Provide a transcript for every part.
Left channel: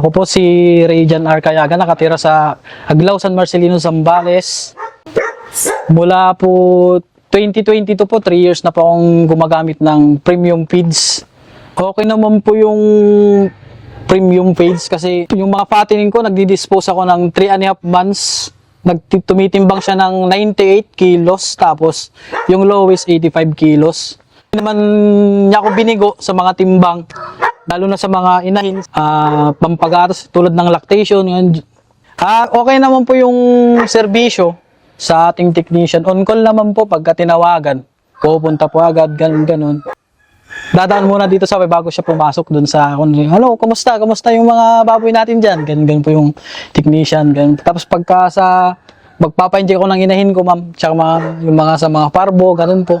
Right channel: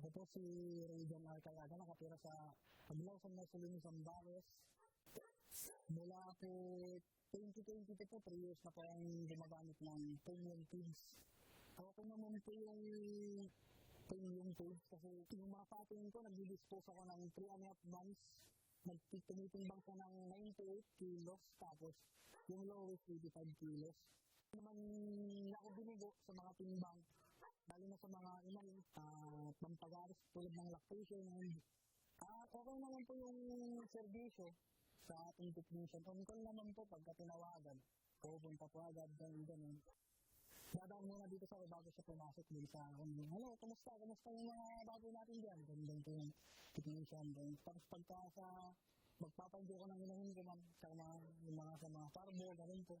Ako po si Rayjan Arcayaga, nakatira sa Aglao, San Marcelino, Zambales. Mula po 2022 po, 3 years na po akong gumagamit ng premium feeds. Okay naman po yung premium feeds kasi yung mga fattening ko, nagdi-dispose ako ng 3.5 months. Tumitimbang siya ng 98 kilos, tapos yung lowest 85 kilos. Hindi naman niya ako binigo sa mga timbang, lalo na sa mga inahin, pampagatos tulad ng lactation. Okay naman po yung serbisyo sa ating technician. On call naman po pagka tinawagan. Pupunta po agad, ganun. Dadaan muna dito sa bago siya pumasok dun sa hello, kumusta? Kumusta yung mga baboy natin dyan? Ganun po yung technician. Ganun. Tapos pagka sa magpapa-inject ko ng inahin ko, ma'am, tsaka yung mga sa mga parbo, ganun po.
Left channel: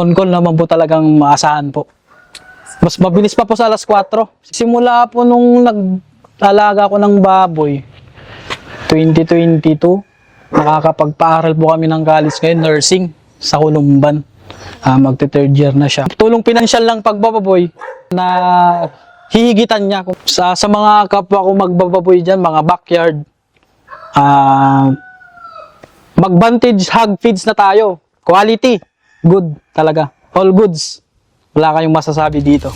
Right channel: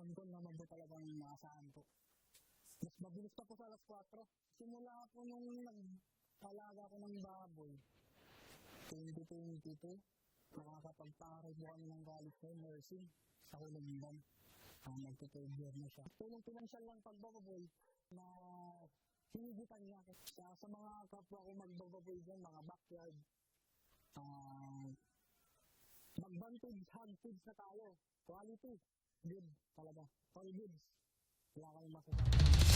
On call naman po talagang maasahan po. Mas mabilis pa po sa alas 4. Simula po nung nag-alaga ko ng baboy, 2022, nakakapagpaaral po kami ng college ngayon, nursing, sa Kulumban. Magte-third year na siya. Tulong pinansyal lang pagbababoy na hihigitan niya sa mga kapwa ko magbababoy dyan, mga backyard. Mag-vantage hog feeds na tayo. Quality. Good talaga. All goods. Wala kayong masasabi dito.